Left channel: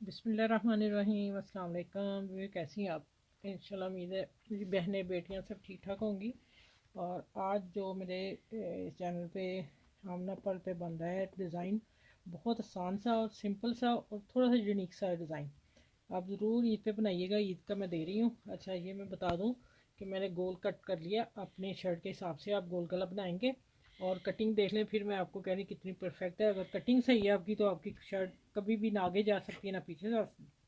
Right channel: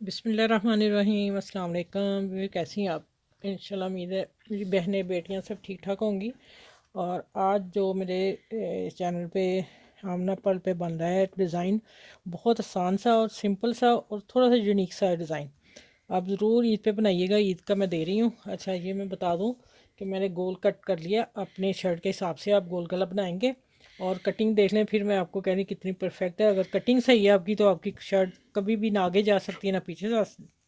बिस्मिल्लाहिर्रहमानिर्रहीम। अस्सलाम वालेकुम। कैसी हैं आप? इंशाल्लाह उम्मीद है मेरी बहनें बेटियां सब ठीक ठाक होंगी। और आज जो मेरे चैनल पे आमना पर्ल पे बन रहा है डिज़ाइन, बहुत आसान सा और सिंपल सा और थोड़ा सा यूनिक सा डिज़ाइन, आप ज़रूर ईद पे बनाइएगा। ईद का मैं दे रही हूँ। अच्छा, ये मैं बता दूँ कि मैंने गोल कट कर लिया। अपने शर्ट के हिसाब से आप गोल गला बनाएंगे और कटिंग देख लें, फिर मैं आपको कह रही कितनी परफेक्ट है। अगर कटिंग सही है आपकी तो आपकी शर्ट कभी भी ना आगे जा सकती है ना पीछे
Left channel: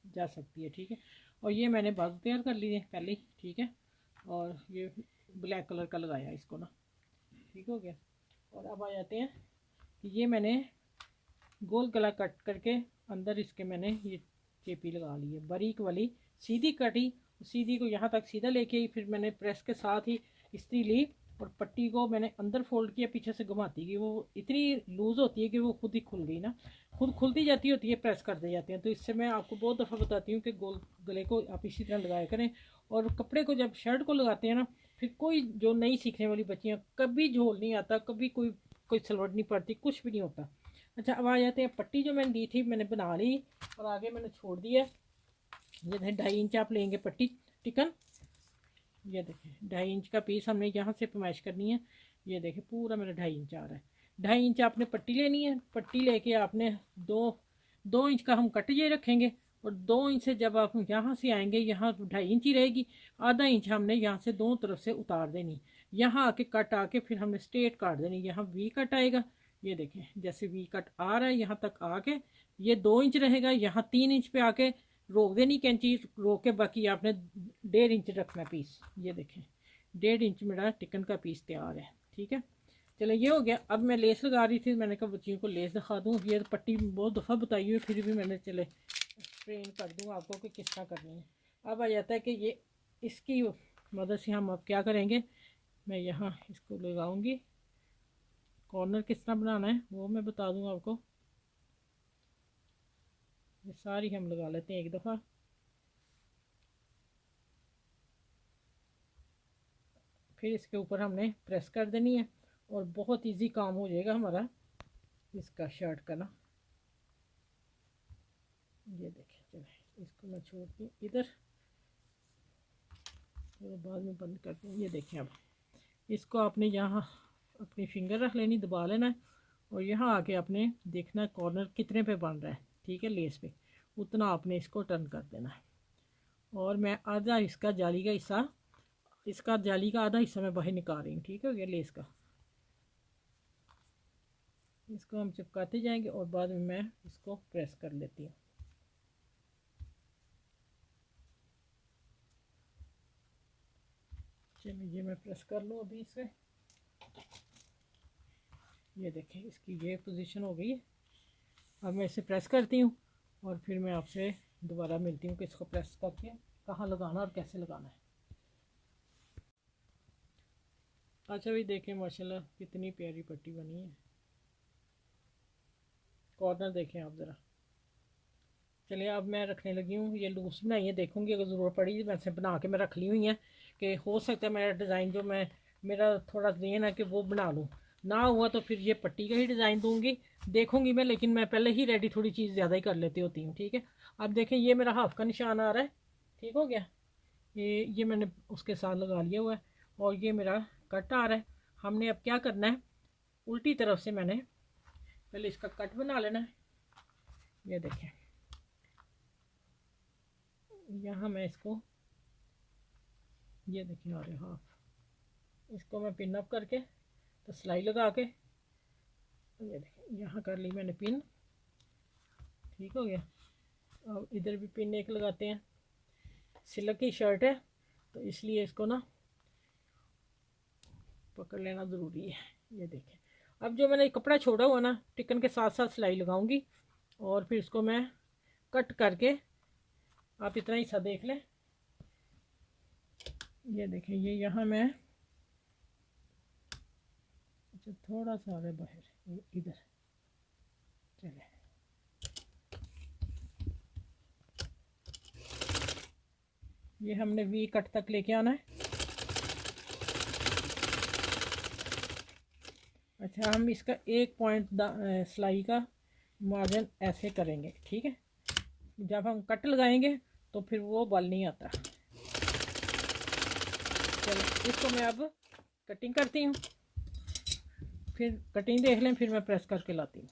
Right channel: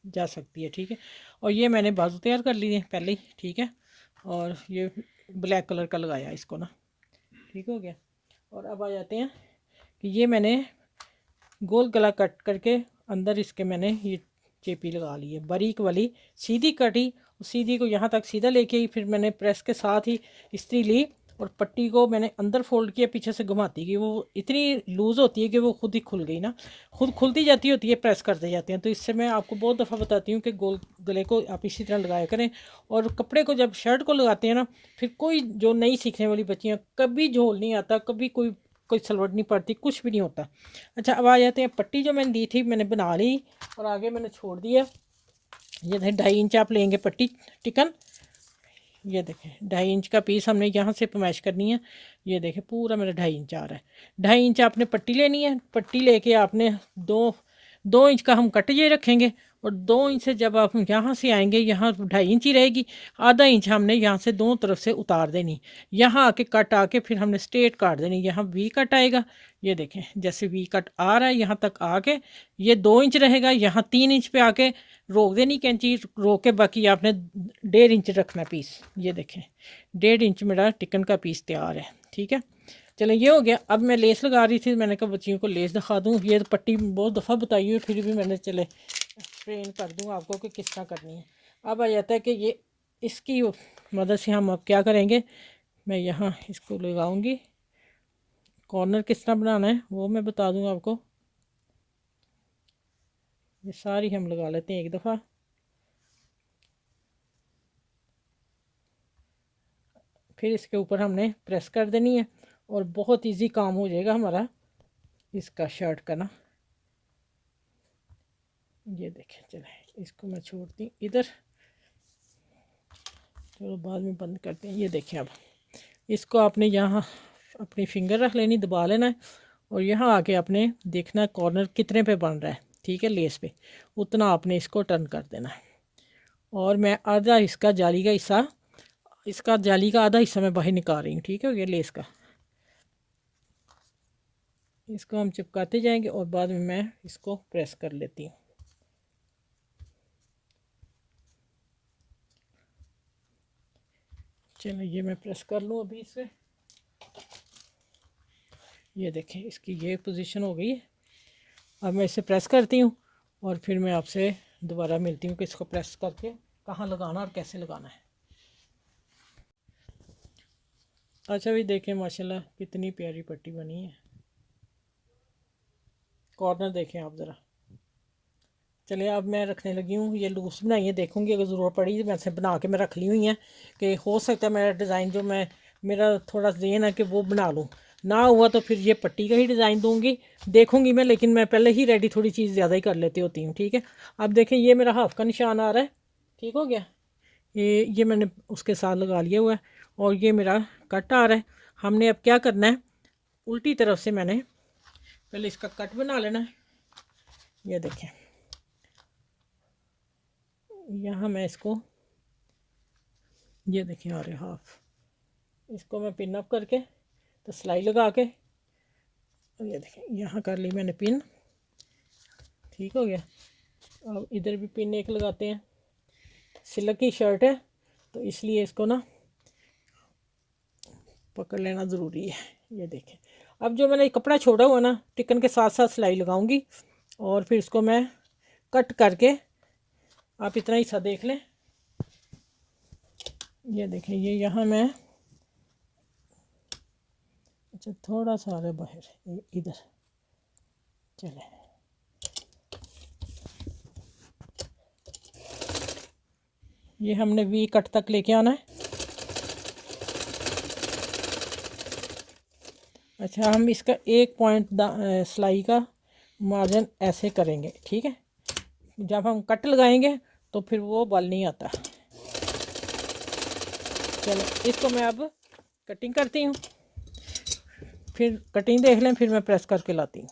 जा सकती है। ठीक है। और ये मैंने बाजू तैयार कर लिए पहले ही। ठीक है। और ये ब्लैक कलर का लगाया इसको ना। ठीक हो गया। और अब आ जाते हैं कि ये मैंने गोल गला कट करके अंदर इसके मैंने ये चेपी लगा ली है बारीक वाली, सीधी कटी। सीधी को यहाँ तक सीधा लेके ही फिर मैंने प्रेस के साथ ही इस्त्री ली और पट्टी को मैंने अंदर फोल्ड किया, पीछे से घुमाती गई। वो इतनी लूज़ होती है कि वो खुद ही खुल गई ना, खुद खुलती जाती होती है प्रेस करते जाते हैं। तो इससे मैं आपको बहुत दफ़ा बताती हूँ कि गोल गले को आप इसी तरह लगाया करें। और कपड़े को जब शर्ट को लगाते हैं ना, फिर कोई जो नई सीखने वाली बच्चियाँ, कभी झोल नहीं आता, कभी कोई कोई सलवट नहीं पड़ती, कुछ भी नहीं होता। अच्छा, अब आ जाते हैं पट्टी जो मैंने दी थी, मैंने बना ली और आगे मैंने छोड़ दिया। ये देखें 2.5 इंच आप लेंगे पट्टी टिकन। ये देखें 2.5 इंच का पीस हमने यहाँ से पमैश करनी है। ये देखें पूरा मेरा 2.5 इंच आ रहा है। 2.5 इंच आपने पट्टी लेनी है। पट्टी लेके आपने दो 2 इंच का हम कट ये रखेंगे और 2 इंच से जब आप यहाँ से आएंगे, यहाँ 2.5 इंच ही रहेगी। आधा इंच हमने यहाँ से दोनों तरफ से उतार देनी। यहाँ आके कट आके फिर हमने स्ट्रेट काट देनी। यहाँ वी कट आएगा। ये देखें जैसे वी कट आ रहा है, यहाँ तक आके ये 2 इंच रहेगा। यहाँ 3 इंच पे आके रोक देनी कैंची, रोक के बाकी आपने 1.5 इंच रखना पीस। ये देखें 1.5 इंच मेरा टिकन का पीस तैयार है। ठीक है। चलो ये हो गया। अब मैं लेस लगा रही थी, मैंने कहा बच्चियों को लेस दिखा दूँ। ये तो पट्टी बहुत दफ़ा बताई है, फिर भी मैंने चले ट्रेन कर दूँ आपको कि किस तरह करनी है। अब आ जाता है कि ये इसकी मदद से हम अब क्या करेंगे। मैं यहाँ इसको लगाऊंगी। कॉर्नर किस तरह बनाना है वो मैं बता दूँ आपको। ये सारी हम लगा लेते हैं एक दफ़ा। फिर इसके ऊपर हमने प्रेस कर देनी है और बहुत इजी काम हो जाएगा हमारा इसका शर्ट का ना। ये देखें, चले इसको मैं छोड़ती इधर, चलो बाद में बंद करते हैं। ये देखें अब इसको आपने यहाँ अपनी फिंगर रख लेनी, दबा लेना है और यहाँ आके आपने देखना कॉर्नर कितने पे बन रहा है। ठीक है, लेस पे उतना आपने इसको टर्न कर देना है। और मैं आधा इसका जाली का हिस्सा, इसका जाली का आधा हिस्सा मैं बाहर निकाल रही हूँ। ठीक है, ये लेस का इसको हम चिपकाते जाएंगे और बाद में मैं इसको प्रेस कर लेती हूँ। चलो ये मैं प्रेस कर लूँ अभी इसे। ये देखें इसकी ये पोजीशन हो गई है। अब मैं इसे प्रेस करती हूँ और फिर मैं आपसे दोबारा मिलती हूँ कि इसको प्रेस करके कहाँ लगाना और कैसे लगाना है। अच्छा भी देखें माशाल्लाह कितनी प्यारी पट्टी बनी है। कॉर्नर देखें आप ज़रा। चलिए अब मैं रखने लगी हूँ। ये लूज बनाई है, देखूँगी अगर ज़रूरत पड़ी वैसे बना के मैं रख ली हुई हैं कि हो सकता है मेरा डिज़ाइन जो मैं मेरा थोड़ा ज़हन है कि वो बना लूँ। ना हुआ तो फिर ये पट्टी का ही डिज़ाइन दूँगी, देखूँगी मैं। लेकिन मैं पहले ही रेडी थोड़ी चीज़ ज़्यादा ही कर लेती होती हूँ। ठीक है। अब देखें ये मेरा हाफ का निशान आ रहा है। ठीक हो गया। ये मैंने उसके साथ लगा लिया हुआ है और ये मेरा कट आ रहा है। हमने अब क्या करना है, उल्टी तरफ से मैंने पहले इसका कट बना लेना है। ये देखें यहाँ मैं इसको, ये देखिए आ रहे हाफ, इसको मैं पिन अप करके तो सिलाई लगा के ये देखिए यहाँ कर ली मैंने पिन। ठीक हो गया। अब इधर भी पिन एक लगाते हैं। सिल्क की शर्ट है तो इसलिए इसको ना पकड़ लेना ज़रूरी है। ये देखें अब जो मैंने कपड़ा छोड़ा हुआ ना, टिकन के साथ साथ सिलाई लगाऊंगी और फिर इसको मैं कट करके, आप इतना हिस्सा देख लें। ये देखें ये यहाँ मैं, अच्छा थोड़ा सा आ रहा है बाहर इधर। चले ये हमने वी कट तक लेके आना है। अच्छा हम इसका 1 पॉइंट सिलाई का मार्जिन ऐसे करेंगे। ठीक है, जब हम कट लगाएंगे तो फिर वो बल नहीं आता। चलो इसको मैं अब कटिंग करती हूँ, फिर कटिंग देख लें, फिर मैं प्रेस करके लाती हूँ।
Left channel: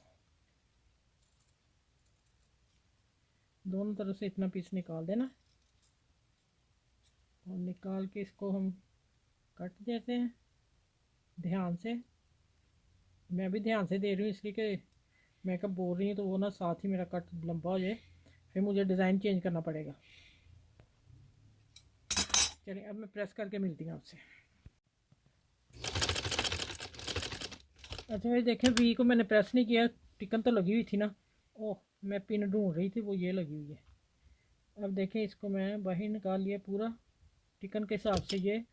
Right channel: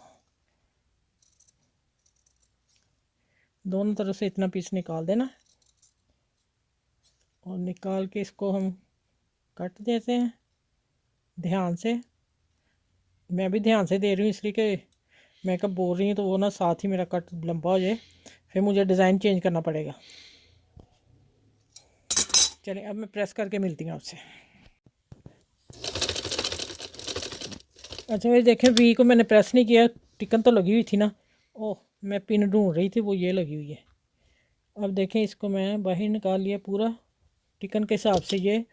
दोनों तरफ से इतना पीस निकाल देना और निकाल के इसको हम कट देते हैं ध्यान से। मैं भी ध्यान से दे रही हूँ इसलिए कि मैं कब बोल रही हूँ तो वो ना साथ ही मेरा कट लंबा हो जाए, फिर मुझे डिज़ाइन चेंज करना पड़ेगा। चलिए अब मैं प्रेस करके मिलती हूँ आपसे। अच्छा ये देखें, वी को मैंने प्रेस नहीं किया, टिकन तो लगी हुई थी ना। ओह, मैं पिन ढूंढ रही थी, वो ये लगी हुई है। अब देखें इसको मैं बाहर निकाल लिया पूरा, टिकन के हिसाब से ये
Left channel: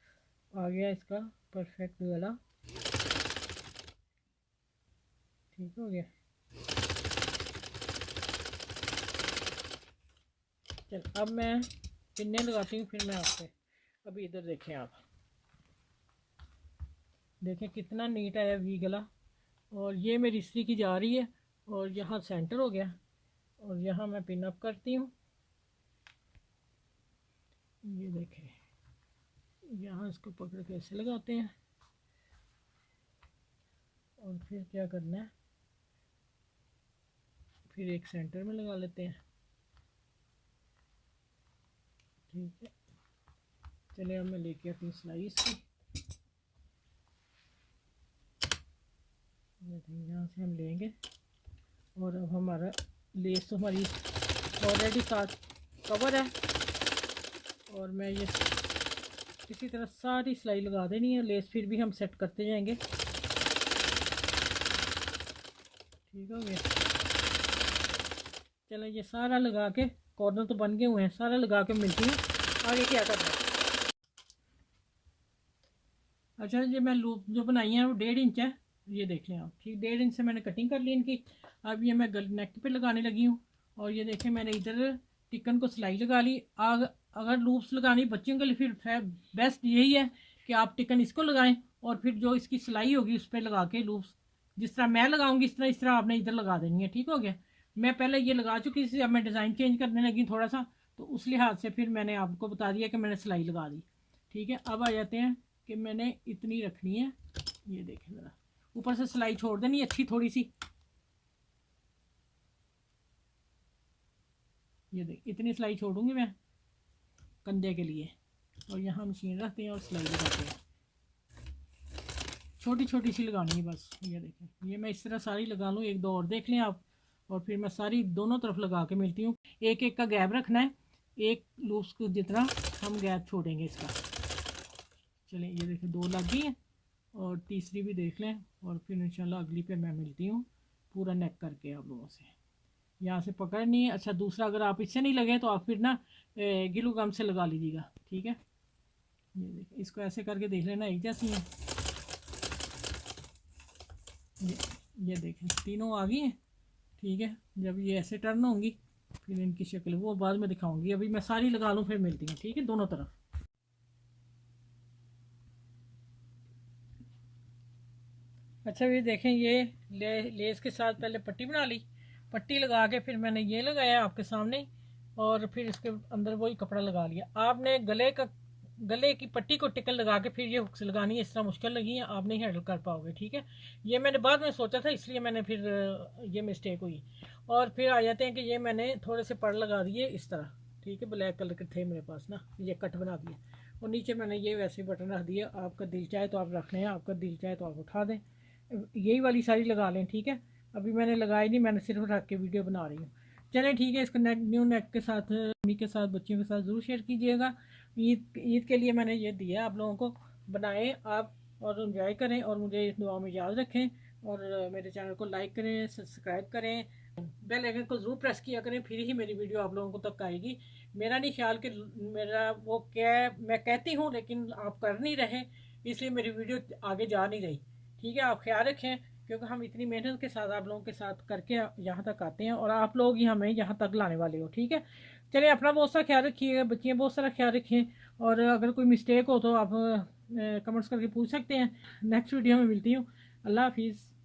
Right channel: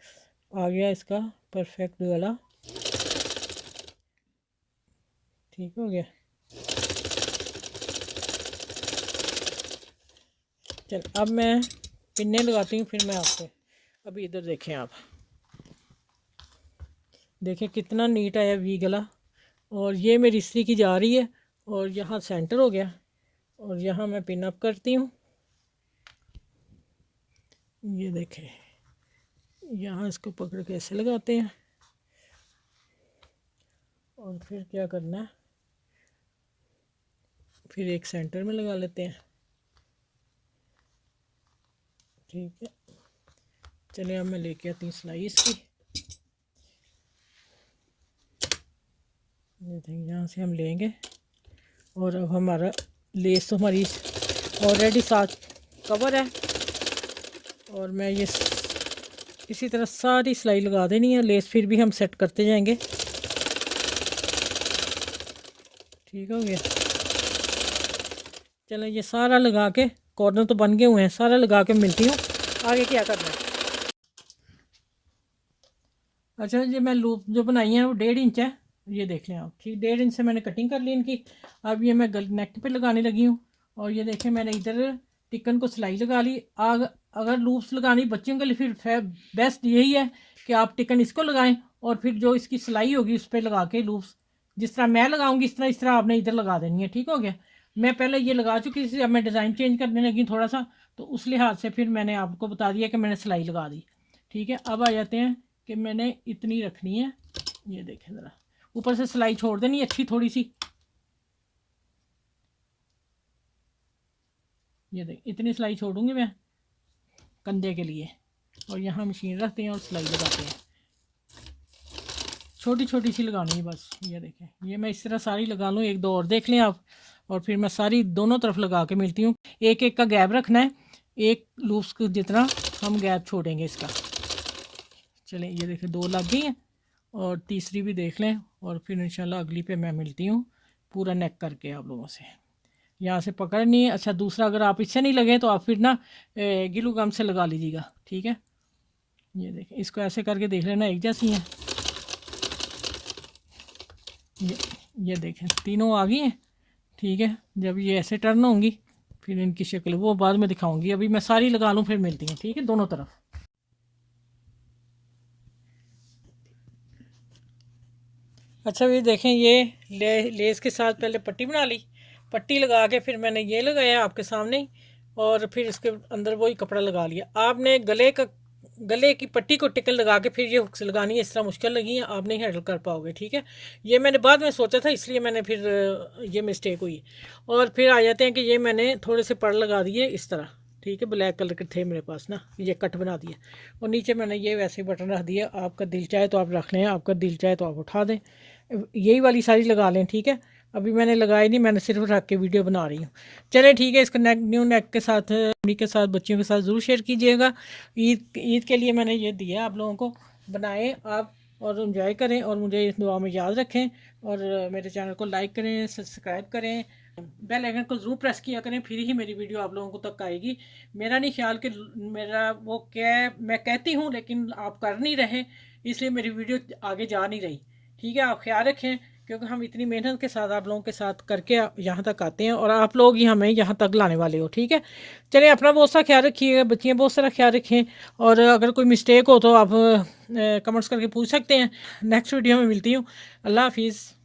आ गया इसका परफेक्ट गला। ठीक हो गया। चल अब मैं पिन्ने लगाती हूँ, फिर मैं आपसे। अभी इधर देखें आप, देखें कितना नीट आया वी गला। और ये मेरी इस्त्री की जा रही है और यहाँ सेंटर हो गया। और यहाँ मैं पिन अप करती हूँ, ये देखें यहाँ इसको पकड़ के ऐसे लगाते हैं और फिर क्या करना है, फिर एक सेंटर में लगा लेते हैं। ठीक है, चलिए अब मैं लेके आती हूँ सिलाई इसकी। ये देखिए यहाँ से हम लेंगे और अब हमारा लेस तो हमारी ऑलरेडी साथ कवर है और मैं ये इसी तरह सारी सिलाई लगा देनी है। लेस फिर भी हम सेट करते जाएंगे। ठीक हो गया। चलो ये सारा लगा के, कॉर्नर तो बन गए हुए हैं, सारा लगा के मिलती हूँ आगे क्या करना है। अच्छा ये मैं लूप जो बनाई है वो 1.5 इंच है, ये देख लें आप। ठीक 1.5 इंच से मैंने कटिंग कर ली इनकी। अब ये मैं नेक पे लगाने लगी हूँ और ये देखें मैंने इधर टिकन को सिलाई लगा ली। अगर लूप्स लगानी बच्चियों के लिए फिर बेस्ट यही है कि आप टिकन इसको लगाएं और फिर जो इसकी सिलाई होगी उस पर लगा के लूप्स जिस तरह मैं लगाऊंगी इस तरह आपने इधर लगा देनी है। ठीक हो गया। मैं पहले ये लगा चुकी थी, अब मैं डिज़ाइन चेंज करने लगी थोड़ा सा, तो उस लिहाज से फिर मैंने आपको बता दिया कि मैंने सिलाई लगा दी। ठीक है, अब आ जाते हैं कि मैंने इतनी रखनी है। ये देखें ज़रा, ऊपर से सिलाई छोड़ देनी अच्छी थोड़ी सी। ये देख इतनी सिलाई छोड़ूंगी मैं कंधे के लिए और यहाँ मशीन रखते हैं और सिलाई लगाते हैं। छोटी छोटी सी लगानी है बस। ये देखें, ये मैं इस तरह सारी लगा लूँ, एक दो और देख लें आप, और फिर मैं सारी दोनों तरफ लगा के मिलती हूँ। एक एक का गैप रखना है, एक लूप्स को जितना हम गैप छोड़ेंगे इसका। चलें ये देखें 2 लग गई हैं और तीसरी भी देख लें और फिर इंशाल्लाह अगली पे मैं मिलती हूँ पूरा नेक करके आप लोगों से। यहाँ से पकड़नी है। अच्छा दूसरा, अगर आप इससे नहीं लगे तो आप फिर ना गिलू गम से लगा लीजिएगा। ठीक है, ये देखें इसको ऐसे करके देख लेना, एक जैसी हैं। ये देखें तीनों आ गई हैं। ठीक है, जब ये ऐसे टर्न होंगी फिर इनकी शक्ल वो बाद में दिखाऊंगी। अभी मैं सारी लगा लूँ फिर मिलती हैं। ठीक है, दोनों तरफ। अच्छा ये देखें, ये लेस के साथ पहले पट्टी बना ली, पट्टी लगा के फिर मैंने ये लगाया आपके सामने ही, और फिर इसके अंदर वही कपड़ा लगा लिया। आपने गले की पट्टी को टिकन लगा के फिर ये हुक्स लगानी है। इस तरह मुश्किल लगी है, आप नहीं हैंडल कर पाओगे। ठीक है, ये मैंने बाद में सोचा था इसलिए मैंने फिर ये मिस्टेक हुई। और फिर आ जाते हैं कि ये मैंने थोड़े से पड़ लगा दिए इस तरह। ठीक है, ब्लैक कलर के थे मेरे पास ना, ये कट बना दिया और नीचे मैंने ये वैसे बटन रख दिया। आपका दिल चाहे तो आप रख लें, आपका दिल चाहे तो आप उठा दें, यही वाली सारी लगा लें। ठीक है, अभी मैंने लगाई नहीं, मैंने सिर्फ रख के वीडियो बना रही हूँ। चलें ठीक है, इसका न्यू नेक के साथ मम्मी के साथ बच्चियों के साथ ज़रूर शेयर कीजिएगा। ईद के लिए मैंने ये दिया आप लोगों को, बनाएं आप और इन्जॉय करें और मुझे इस दुआ में याद रखें। और मेरे चैनल को लाइक करें, सब्सक्राइब करें, बेल आइकन को ज़रूर प्रेस किया करें, फिर ही मेरी वीडियो आप लोगों को तक आएगी। मेरा नहीं ख्याल कि मेरा वो क्या मैं कहती हूँ लेकिन आप कर नहीं रहे, इसलिए मेरी वीडियो आगे जा नहीं रही। ठीक है, आप ख्याल रखें क्योंकि हम इतनी मेहनत के साथ आप लोगों के साथ करके यहाँ तक आते हैं और आप लोग ही हमें यहाँ तक लाने वाले हो। ठीक है, चलिए अपना बहुत सा ख्याल रखिएगा, बच्चियाँ बहुत सारा ख्याल रखें और अगर कोई मिस्टेक हो तो आप कमेंट्स करके पूछ सकते हैं। नेक्स्ट वीडियो में मिलती हूँ। अल्लाह हाफिज़।